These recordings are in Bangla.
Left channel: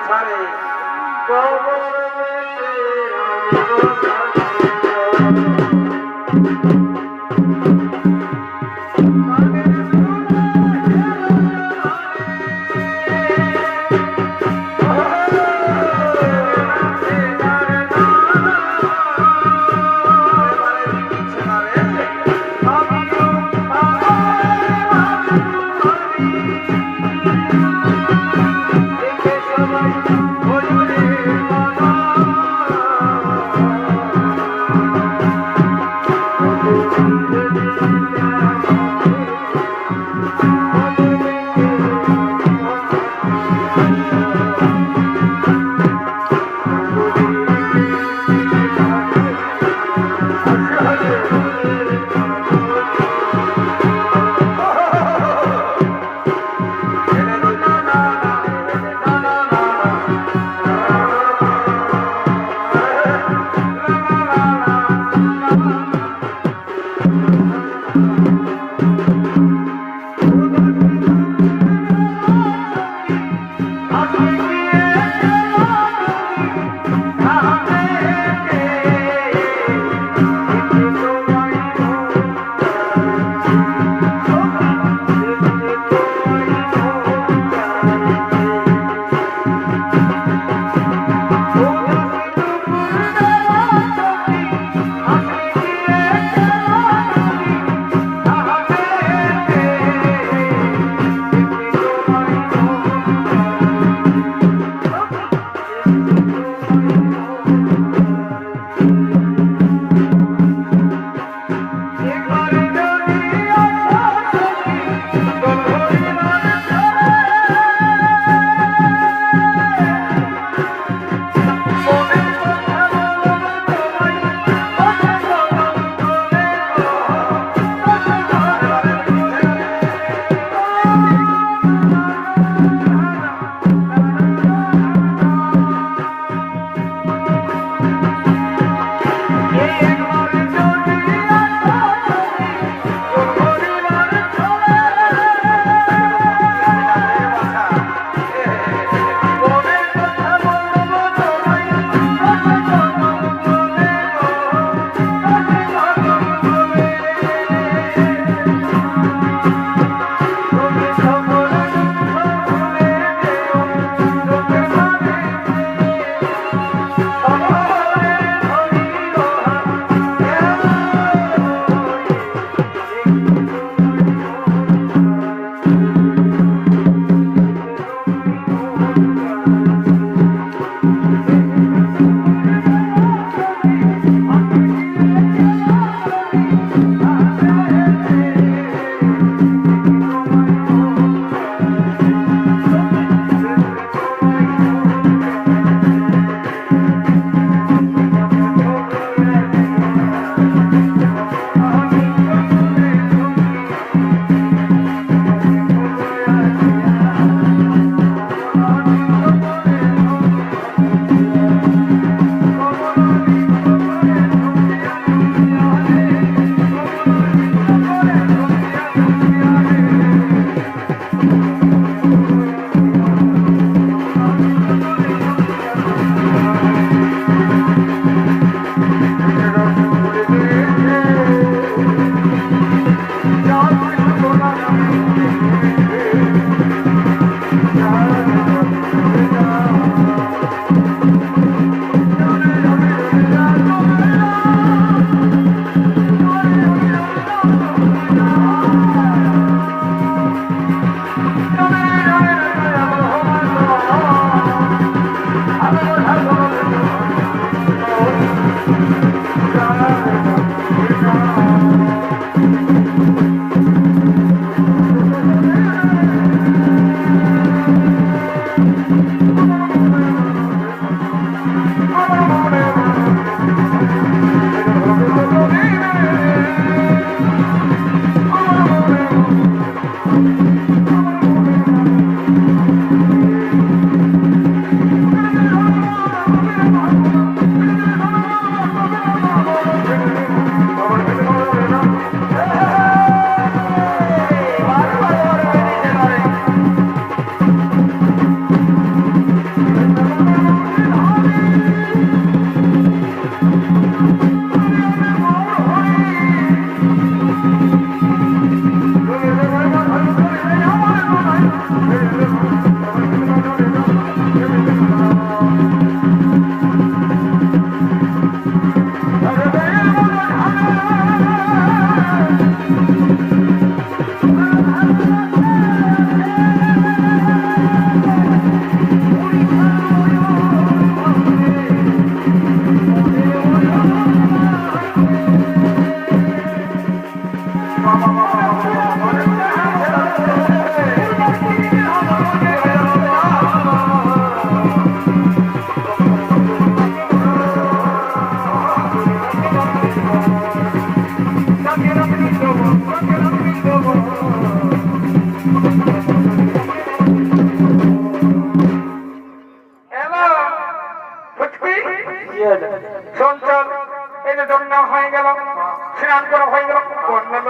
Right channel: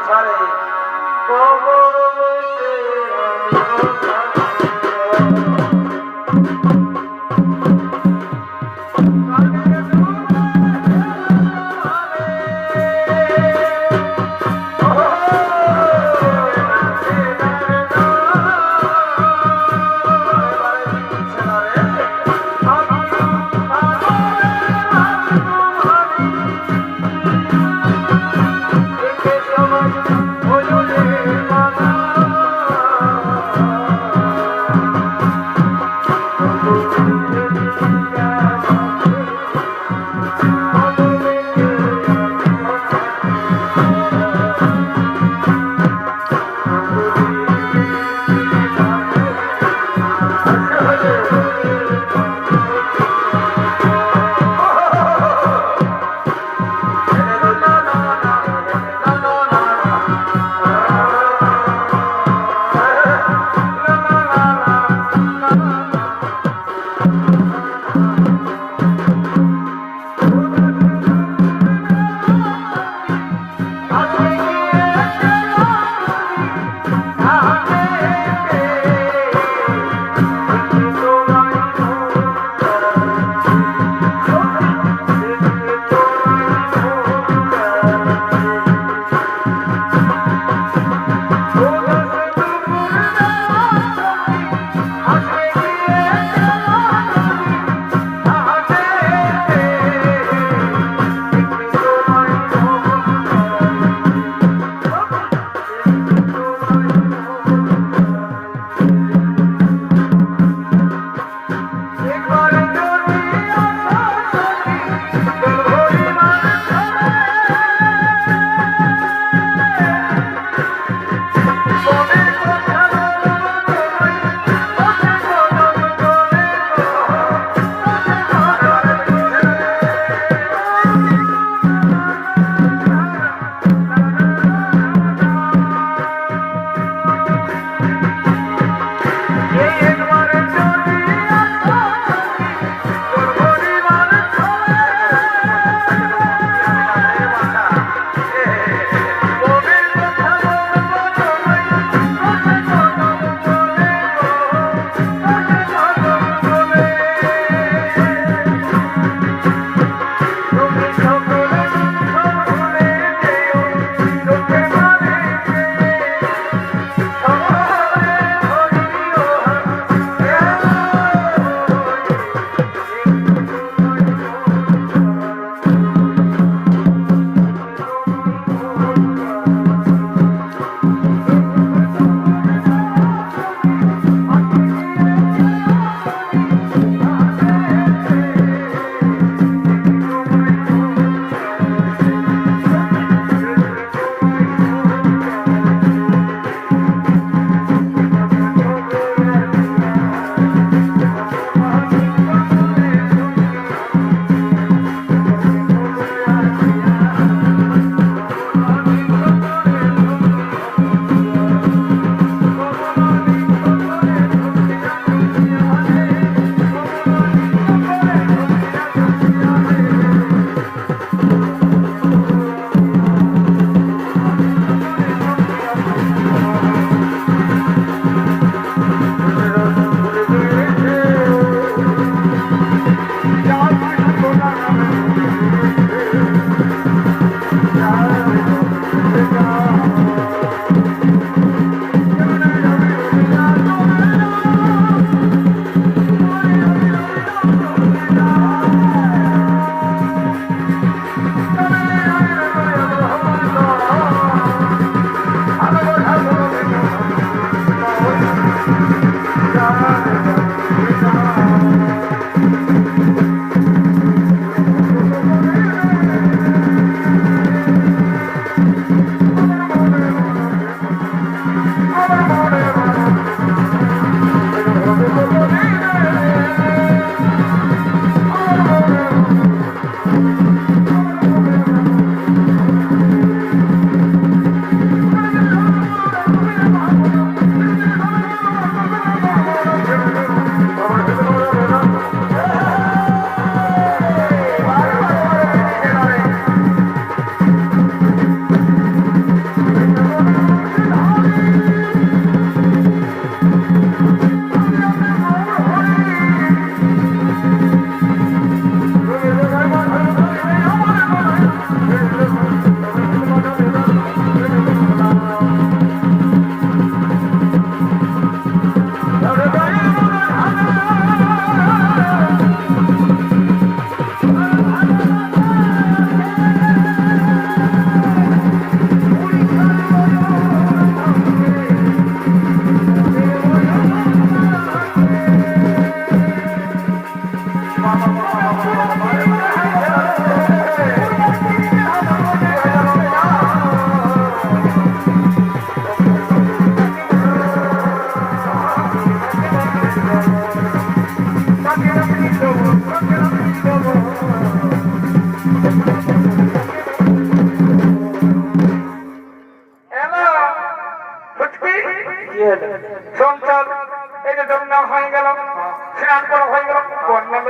বাছারে কবর স্নান করা হয়ে গেল। বন্যা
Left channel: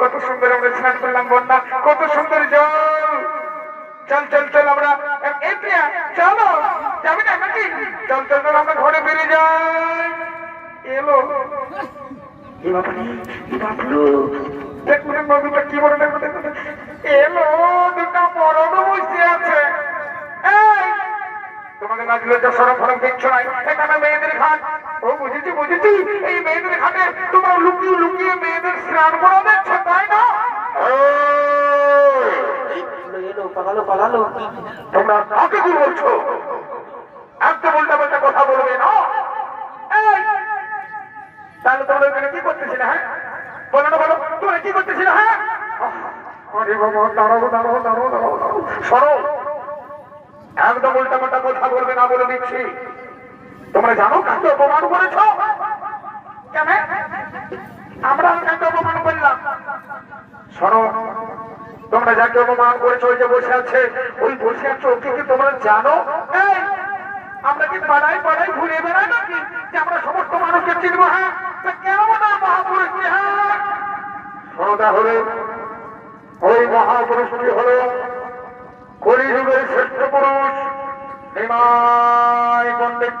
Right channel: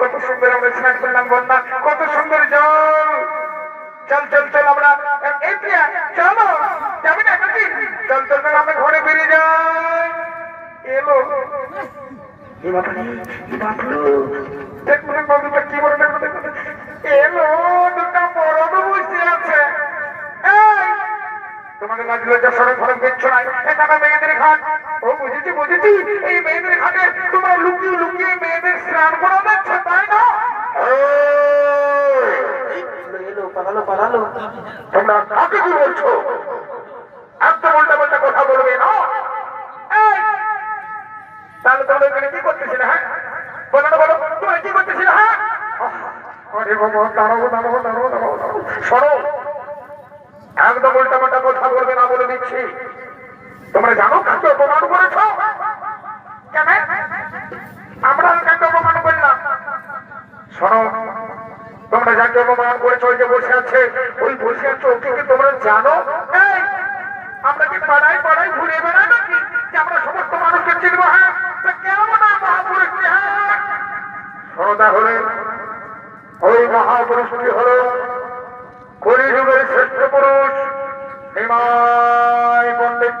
কত সুন্দর আমরা স্নান করলাম বন্যা, কত সুন্দর জল। চল চল চল আমরা। চলো যাবি। না চল চল চল আমরা ঘরে ফিরে যাই। এলো তোমাদের লাজ লজ্জা সরম দেখছ না এটা মেয়েদের ঘাট ও বুঝেছি বুঝেছি। এই মেয়েদের ঘাটে তোমরা লুকিয়ে লুকিয়ে মেয়েদের স্নান করা দেখছ তাই না। পালালো পালালো। তোমরা কাকে কি বলছো একদম উল্টা পাল্টা কথা বলবে না। তাহলে তোমরা এখানে কি করতেছিলে হ্যাঁ? বলো না বলো। তুমি কি করতেছিলে হ্যাঁ? আরে বাবা দাঁড়াবো দাঁড়াবো দাঁড়াবো দাঁড়াবো সরো। একদম উল্টা পাল্টা কথা বলবে না বলে দিচ্ছি। তোমরা জানো কাকে অপমান করেছ? কেন? আমরা কাকে অপমান করলাম? শোনো তোমরা যাকে অপমান করেছ ওই যে বসে আছে ওই বসে আছে ওকে কি তোমরা জানো? আমরা কি পাড়ায় পাড়ায় ঘুরে বেড়াই নাকি? যে আমরা সমস্ত মানুষকে চিনবো হ্যাঁ? কেমন হ্যাঁ? শোনো তাহলে ওই মহাপুরুষটি হলো কলিযুগের শ্রেষ্ঠ পুরুষ নিমাই পণ্ডিত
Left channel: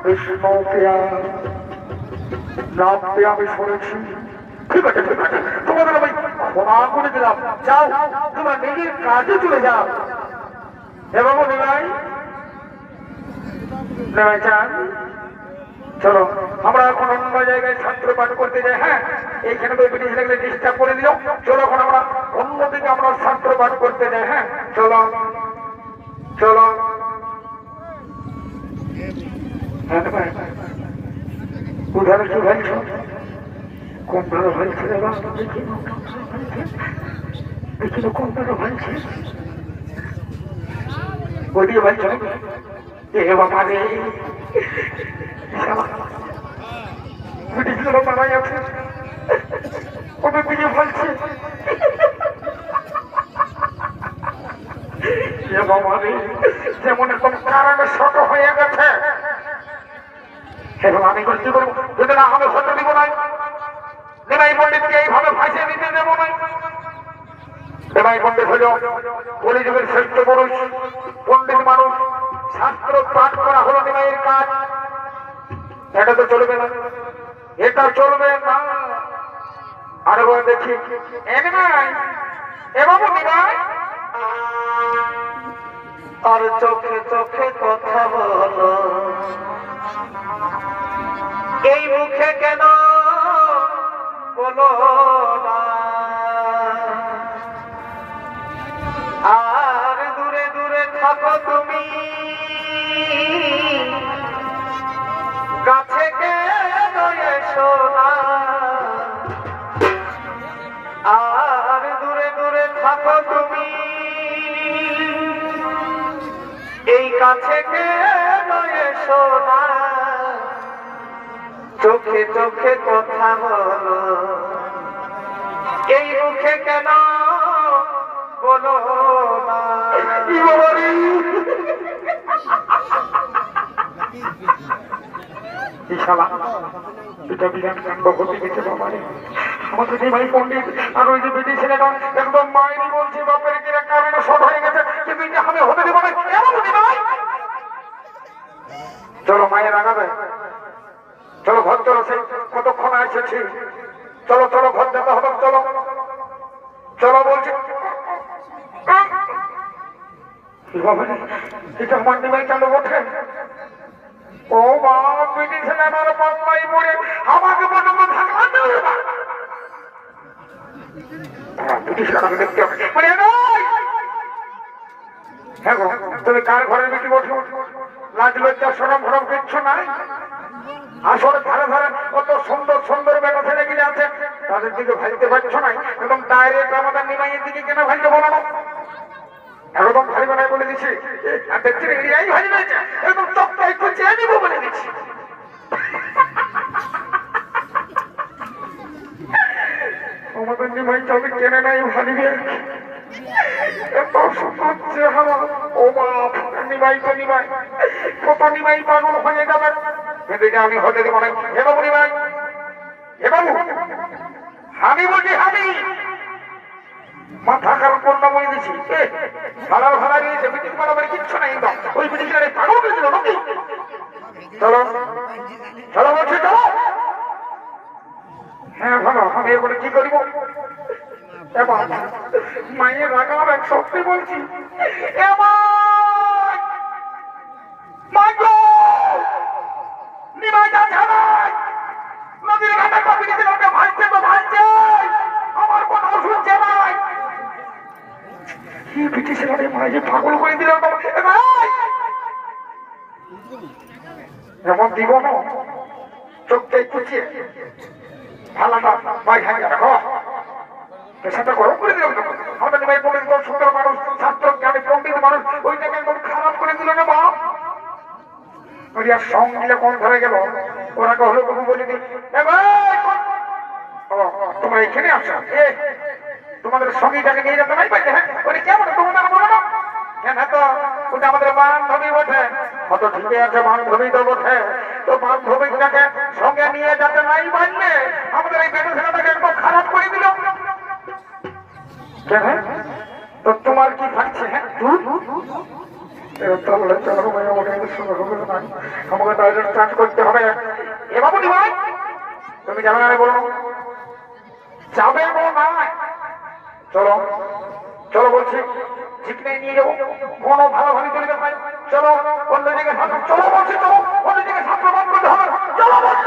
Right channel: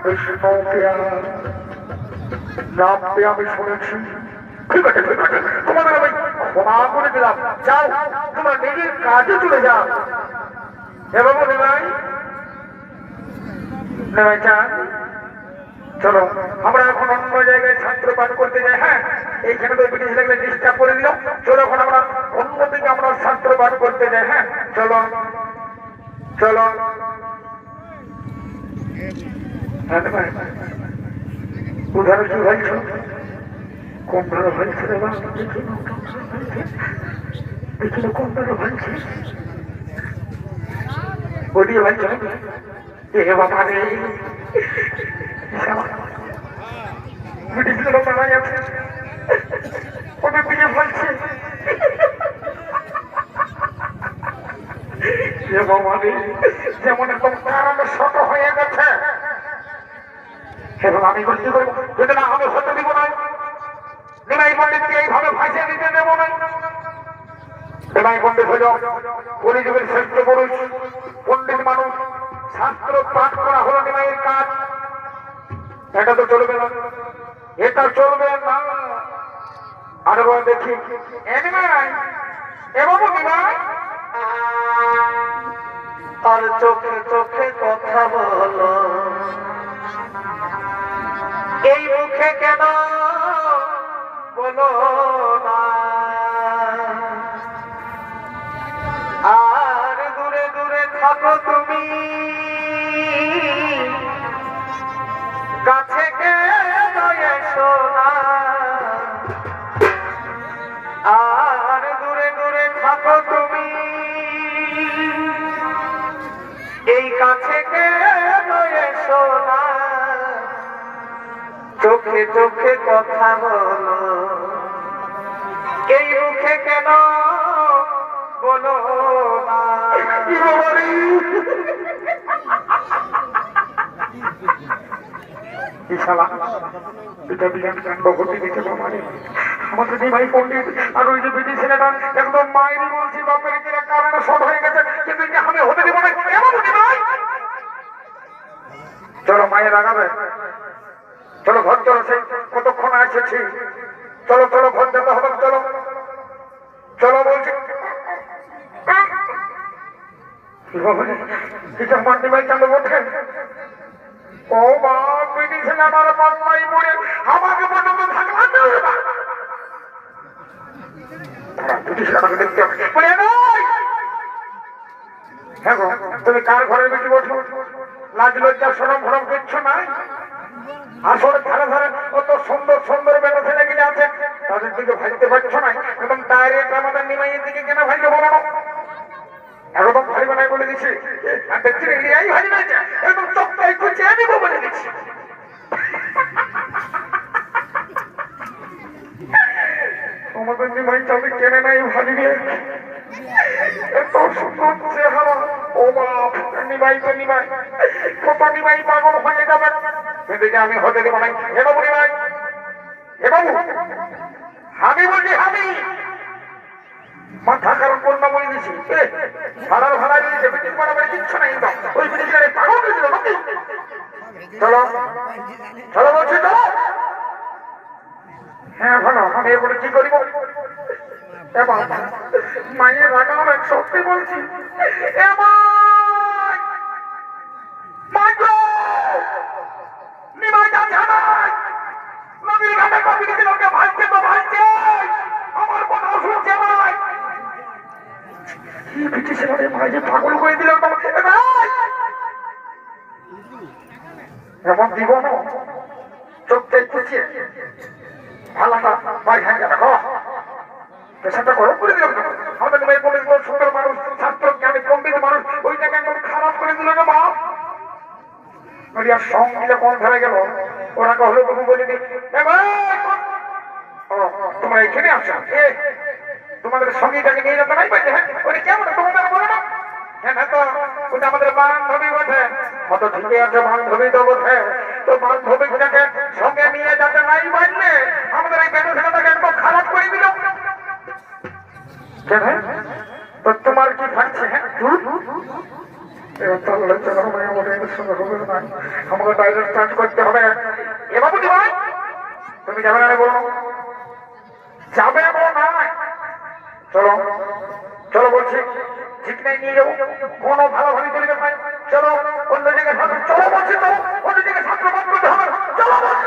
দাও বিষ্ণু পেয়া নাম আমি শুনেছি ঠিক আছে ঠিক আছে তোমাদের আমি ক্ষমা করে দিলাম যাও তোমার নিজের কাজে চলে যাও নিলাই নিলাই চলো আমরা এখন অন্য জায়গায় ছাত্র পাঠ করতে যাই হ্যাঁ এইখানে তো ব্রিটিশ লাগলে ডিস্টার্ব করে দিল চলো এখন আমরা অন্যদিকে আমরা ছাত্র পাঠ করতে যাই হ্যাঁ চলো চলো হ্যাঁ তো ভাই উধার কি ভাইছো কোনটার ভাইছে রে বাবা দেখি না দেখি না কোনটার ভাইছে এ বাবা রে ভাইছে এ বাবা যেমন একদম কারণে শত হয়ে গেছে এখন আমি বলছি করব। না আমি হতে দিব না নিমাই পণ্ডিতকে এইভাবে ফাঁসিয়ে দিতে দেব না। নিমাই পণ্ডিত হল কলিযুগের শ্রেষ্ঠ পুরুষ, পণ্ডিত মানুষ। শাস্ত্র পাঠ করা হলো নিমাইয়ের কাজ। এটা তো চলবে না। এটা চলবে না। আরে বল দেখি। এ নিমাই, এ বাবু নিমাই। আর চোখে চোখে কথা বলো। এই মুখে কেন বলো না? আর দূরে দূরে থাকো তুমি। কাছে কেন এসো না? আর দূরে দূরে থাকো তুমি। এই কাছে কেন এসো না? চোখে চোখে কথা বলো। এই মুখে কেন বলো এটা বিরাট কাণ্ড ঘটে গেছে আমাদের পণ্ডিত। আর ওই যে বিটি ছেলেটা একদম মায়েরই বলছে বাপের কিনা কারণে সব হয়ে গেছে কিন্তু এটা আমি হতে দেবো না। চলো মায়ের আগাবে চলো ঘর, চলো সেই কতক্ষণ এসেছি? চলো চলো ঘর যেতে হবে চলো। চলো বলছি! হ্যাঁ তুমি কার ঘরে বেটি ওঠো লাজ, লজ্জা সরম ভরম কিচ্ছু নাই? আসলে ধারে ধারে কত সুন্দর সুন্দর ছেলে গিলে আছে। তাদের দিকে ভাইতে পারছ না এবং ডাইরেক্ট আমাদের নিমাইয়ের দিকে কেন ভাইকে একদম ভাই বলে দিছি আর দেখছি করছে, আমি বলে আমি কেনে নাই ভাবিবে এত সুন্দর ও বাপ, নিমাই তো নিমাই। কত নিমাই পাগল হয়ে যাবে কিন্তু এটা আমি হতে দেবো না হে বাবু নিমাই। হে বাবু আমি বলছি আমি মাথা কারণ পণ্য বলে দিছি। ভাড়া ভাড়া দিয়েছে ব্রিটিশ বাড়াবাড়ি কিচ্ছু নাই ওই ব্রিটিশের পাগল করেছিল নাকি? চলো চলো বলছি চলো হ্যাঁ ভালো, আমি এরপরে কি করিব? মায়ের রাগার এক সত্যি বলছি। এ মা! মাগো নিমাই যা জানাই নদীর ঘাটে কবি গেছে লোকে তো করে দিল এ ভাই! এমন দিব না। চোখটা কুচিয়ে। ভালোটা ভাই হ্যাঁ রাখো পেশাটা গরম করে দিলাম। আমাদের ভাই পণ্ডিত সুন্দর মানুষ, ছাত্র জ্ঞানী, পণ্ডিত মানুষ ওইটাকে একদম খারাপ করে দিল না বাপ? ওরিয়া সং মিলে কোন ধরে গেল? ওরা হলো তুমি বলে ও, তোমরা এখানে আসো এ তোমাদের সঙ্গীটাকে নিয়ে যেতে হ্যাঁ ওরে কেমন তোমাদের বলো না। হ্যাঁ না তো, ওটা আমাদের বান্ধবী বটে। কত ঠিকই আছে, বান্ধবী তো বটে। তো বান্ধবীটাকে সঙ্গে নিয়ে যাতে নাই বাজলে আমাদের এই বেতন ছেলেটাকে একদম খারাপ করে দিল। তো তোমার কি থাকছে হ্যাঁ? আমাকে ডাইরেক্ট চার্জ করতে হবে এ ভাই তুমি যাবে না বলো যাবে বলো না চলো চলো বলছি ঠিক নাই নিয়ে যাব কোনো ভালো ভালো চলে ভাই চলো অন্য জায়গায় চলো বলছি চলো অন্য জায়গায় বাদ করতে হবে চলো বলছি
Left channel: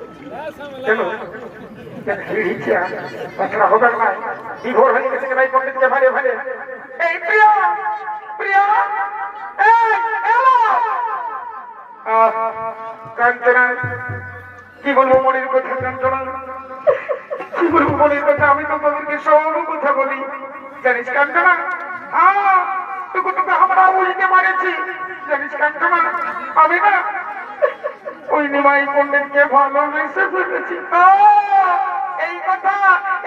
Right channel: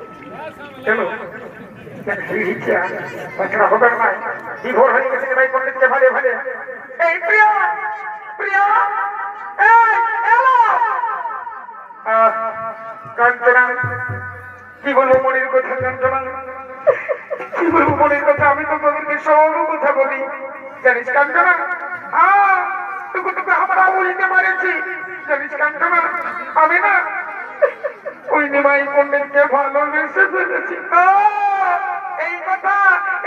বিভোর হয়ে কি বলব মনের কথা, কাঞ্চনা? কি বলব মনের কথা? আমি তো তোদেরকে সব কথা বলি। জানিস কাঞ্চনা? তোকে তোকে আমরা বলিতে মারেছি জানিস কাঞ্চনা? আমি না? নিমাই পণ্ডিতকে ভালোবেসে ফেলেছি। এই কথা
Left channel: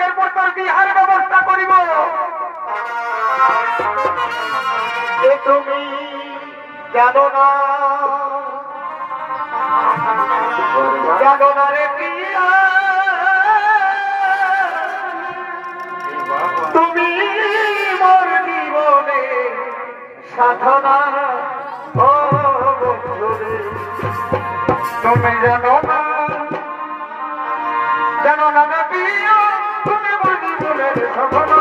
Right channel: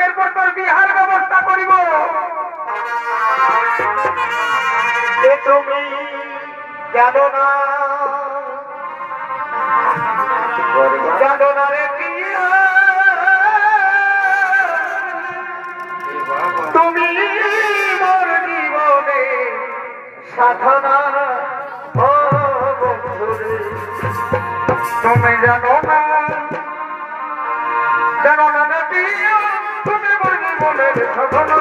এরপর তোর বিহার ব্যবস্থা করিব। তুমি জানো না, জানো রে তুমি মোর জীবনে সাধনা তুমি জানো না। জানো না তুমি বলে সাধনা